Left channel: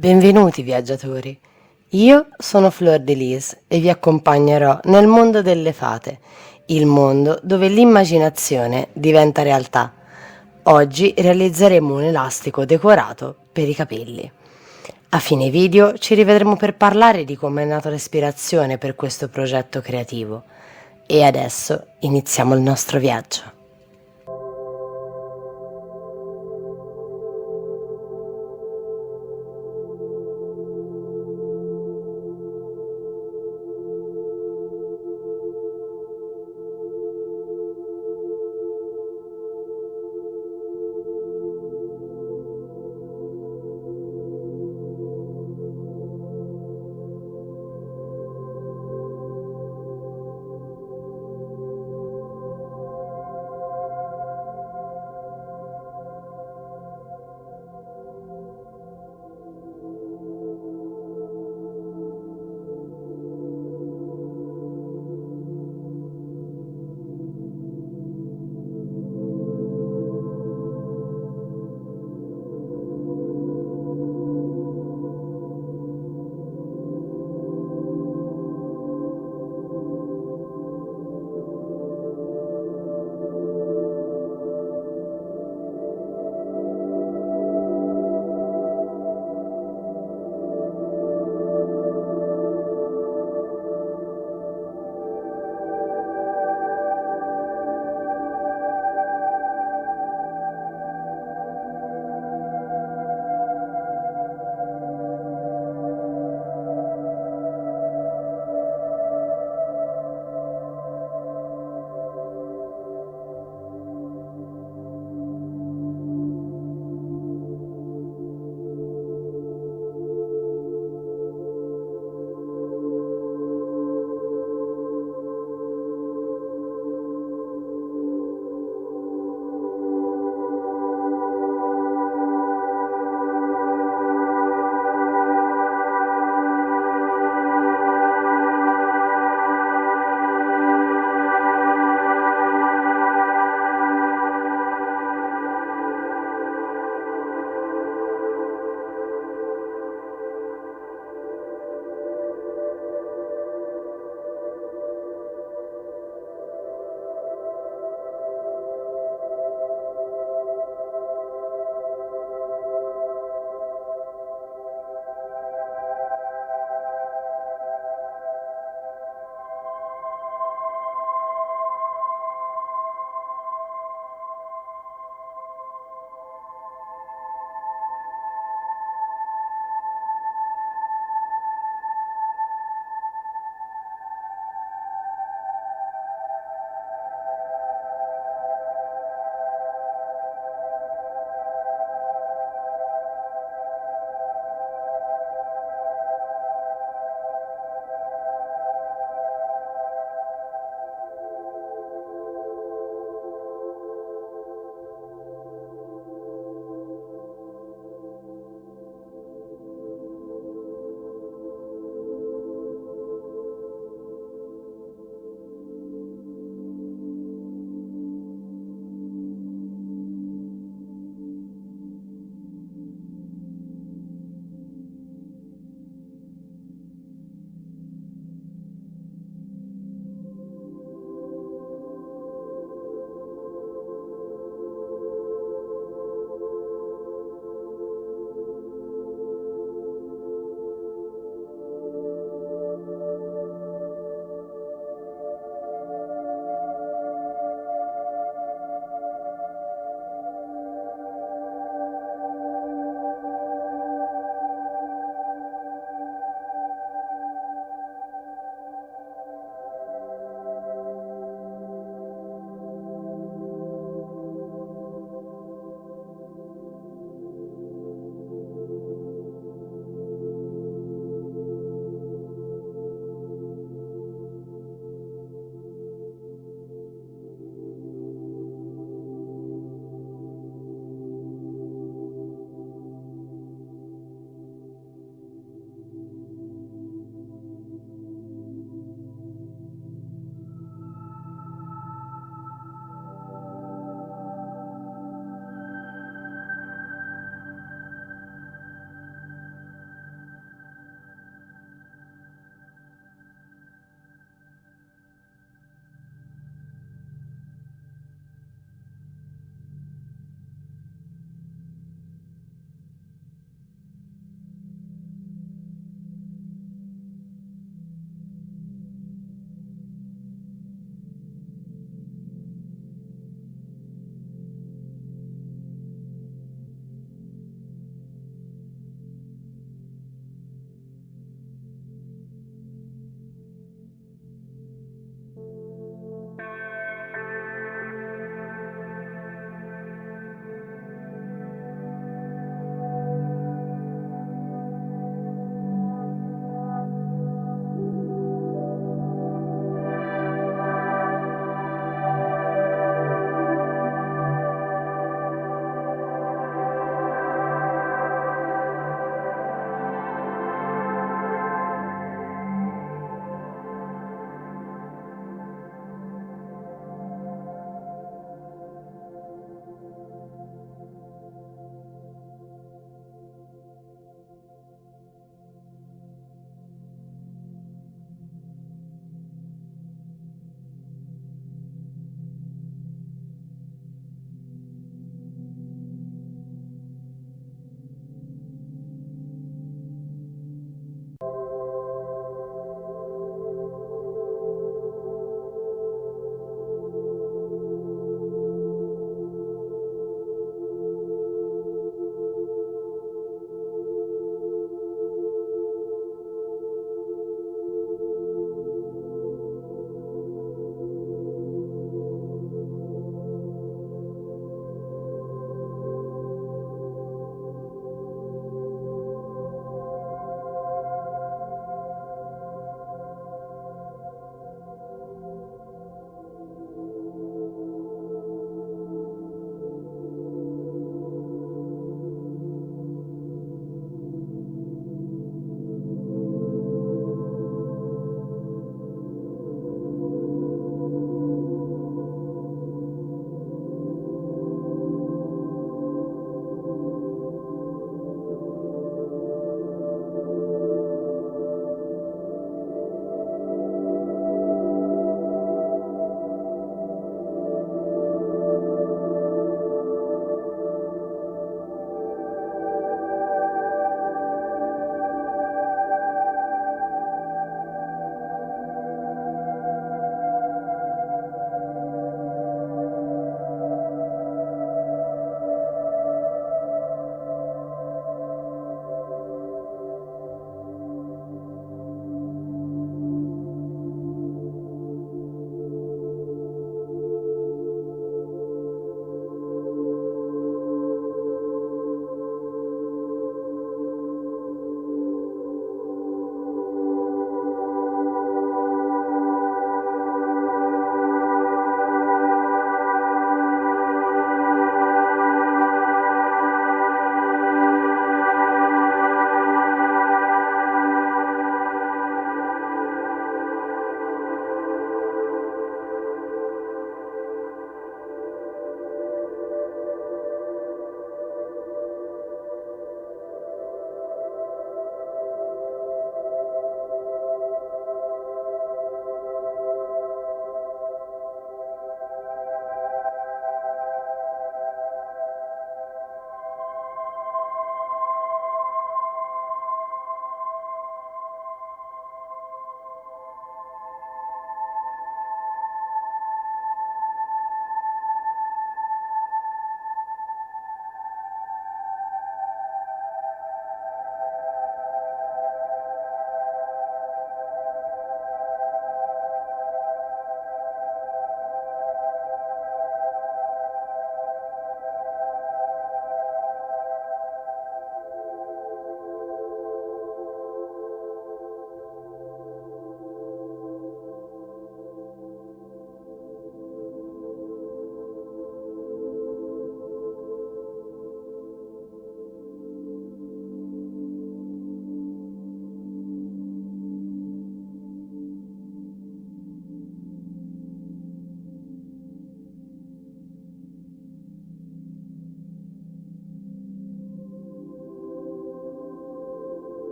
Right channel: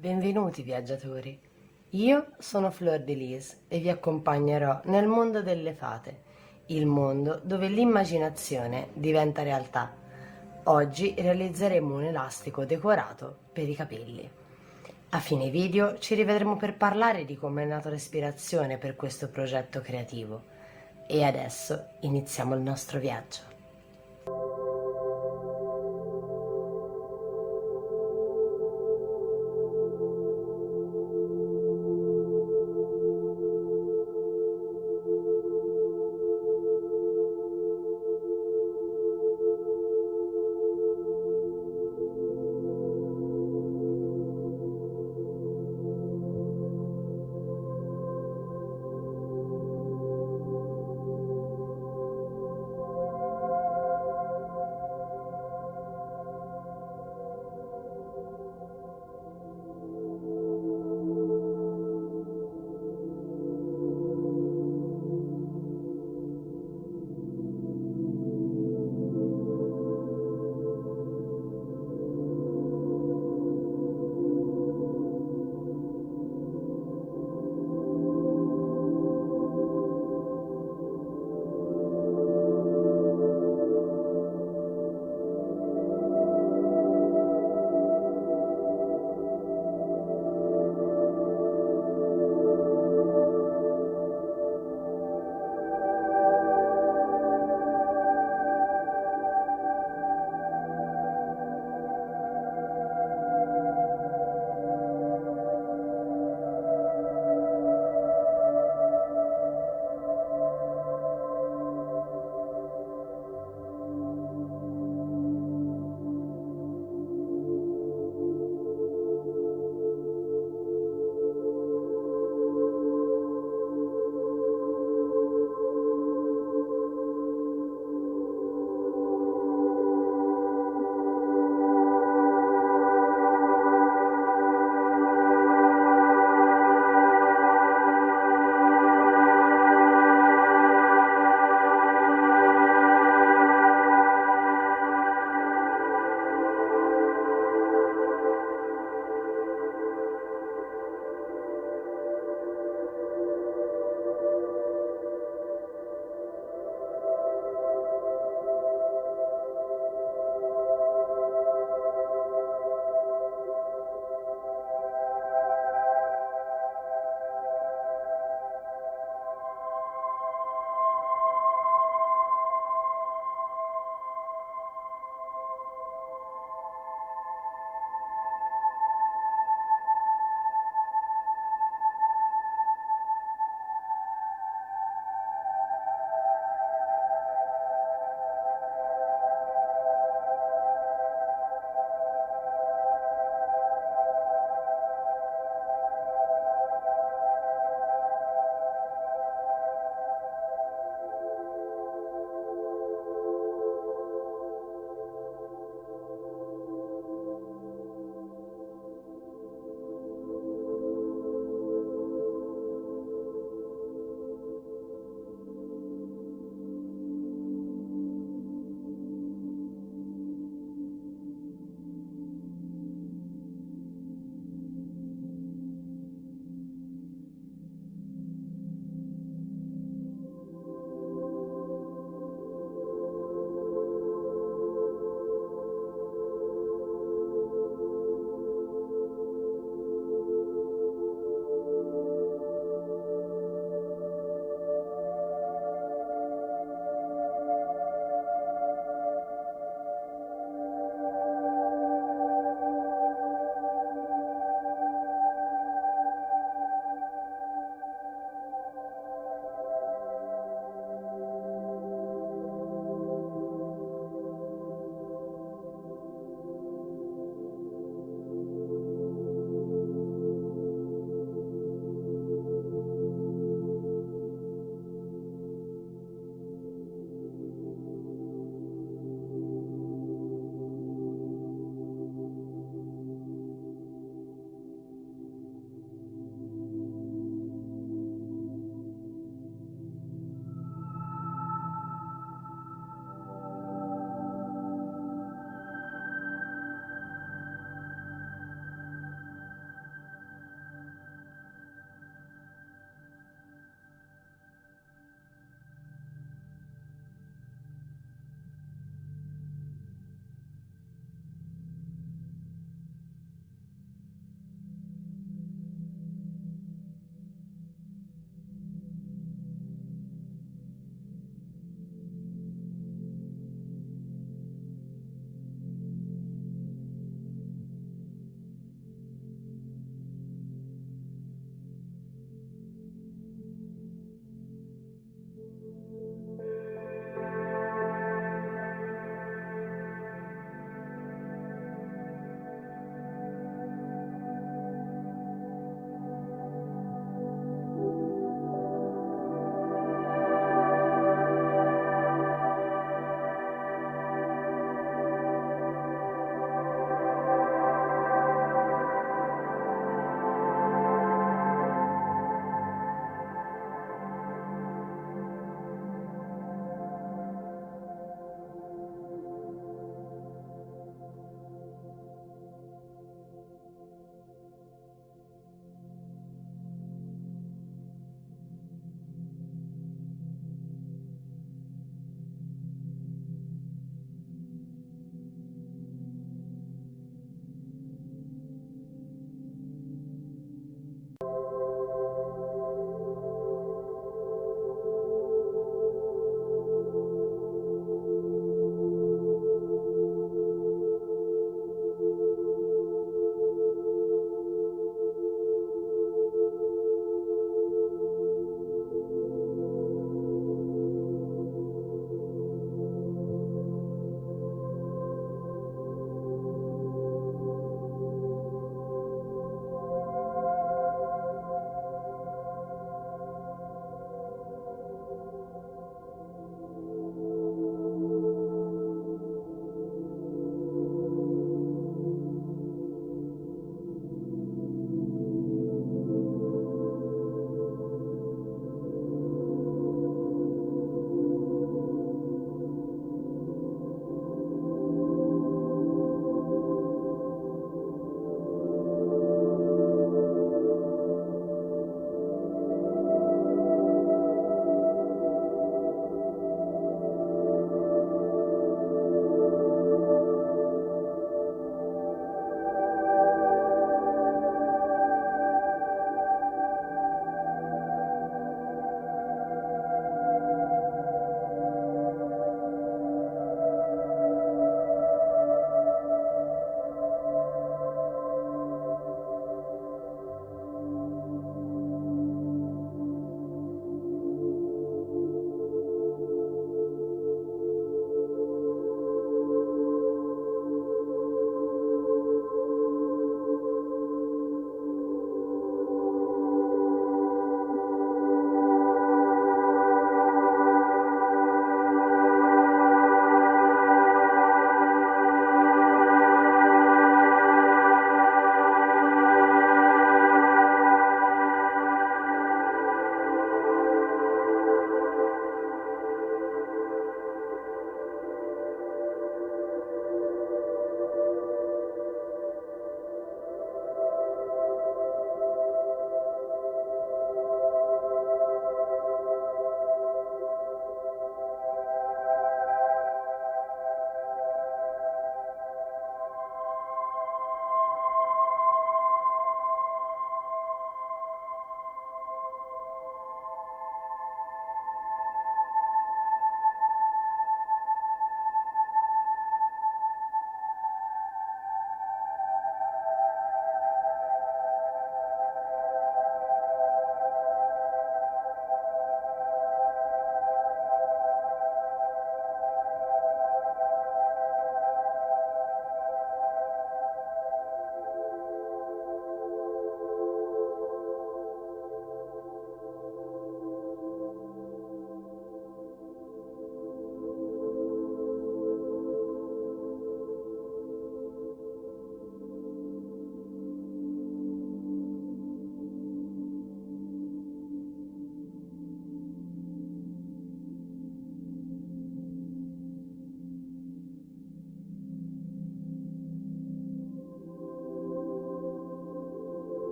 Benvenuti viaggiatori, io sono Fleur de Lis e vi accompagnerò nel mondo delle fate, il mondo dove l'immaginazione diventa realtà. Oggi realizzeremo un elastico decorato per i capelli. A fine video ci rivedremo per parlare di come è nata l'ispirazione per questo progetto creativo. E adesso iniziamo il nostro viaggio.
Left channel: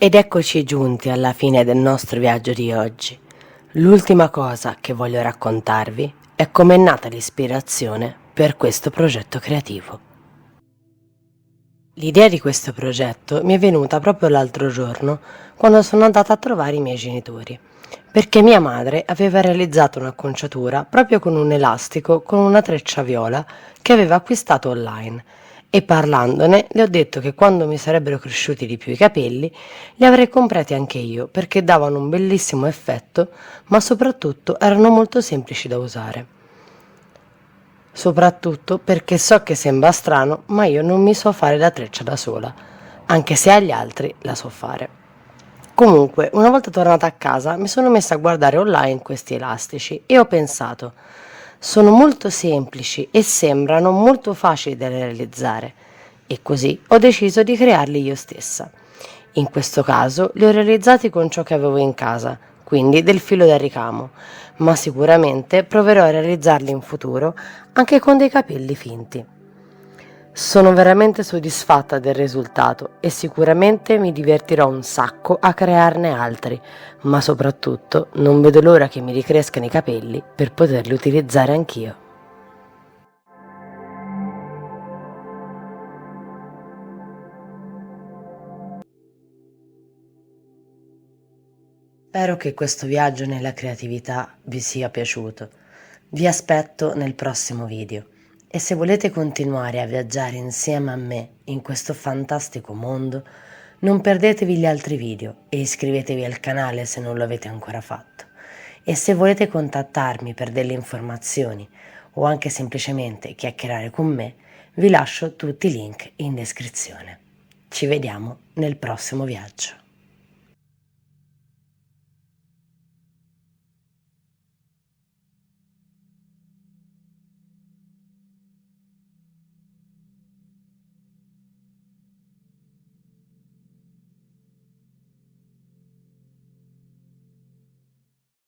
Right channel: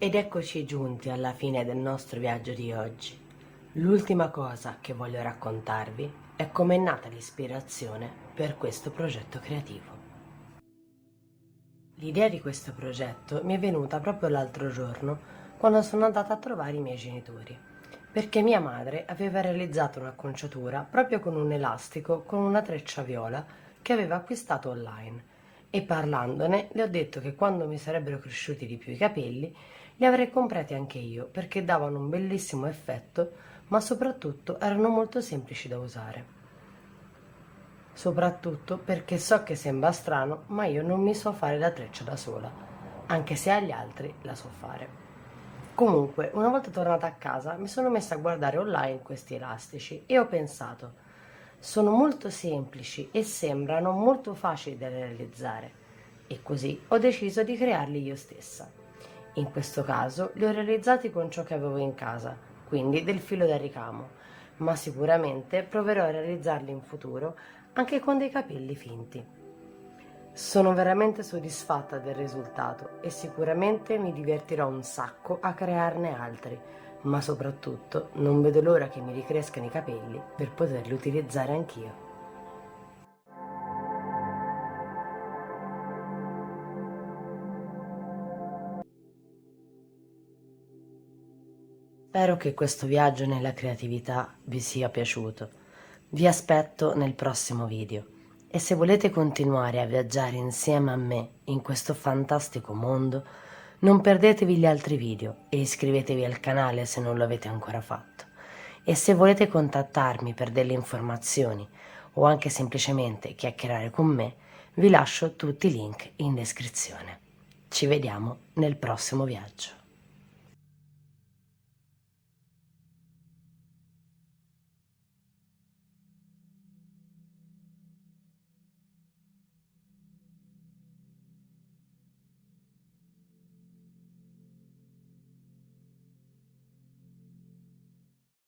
Ed eccoci giunti alla fine del nostro viaggio di oggi. L'ultima cosa che voglio raccontarvi è come è nata l'ispirazione per questo progetto creativo. L'idea di questo progetto mi è venuta proprio l'altro giorno quando sono andata a trovare i miei genitori, perché mia madre aveva realizzato un'acconciatura proprio con un elastico con una treccia viola che aveva acquistato online e parlandone le ho detto che quando mi sarebbero cresciuti di più i capelli li avrei comprati anche io perché davano un bellissimo effetto, ma soprattutto erano molto semplici da usare. Soprattutto perché so che sembra strano, ma io non mi so fare la treccia da sola, anche se agli altri la so fare. Comunque, una volta tornata a casa, mi sono messa a guardare online questi elastici e ho pensato, sono molto semplici e sembrano molto facili da realizzare. E così ho deciso di crearli io stessa. In questo caso li ho realizzati con ciò che avevo in casa, quindi del filo da ricamo, ma sicuramente proverò a realizzarli in futuro anche con dei capelli finti. Sono veramente soddisfatta del risultato e sicuramente mi divertirò un sacco a crearne altri, ma soprattutto non vedo l'ora che mi ricrescano i capelli per poterli utilizzare anch'io. Spero che questo viaggio nella creatività vi sia piaciuto. Vi aspetto nel prossimo video e se volete continuare a viaggiare insieme a me in questo fantastico mondo, non perdetevi gli altri video e iscrivetevi al canale se non lo avete ancora fatto. E se volete contattarmi per delle informazioni o anche semplicemente chiacchierare con me, vi lascio tutti i link in descrizione. Ci vediamo nel prossimo viaggio.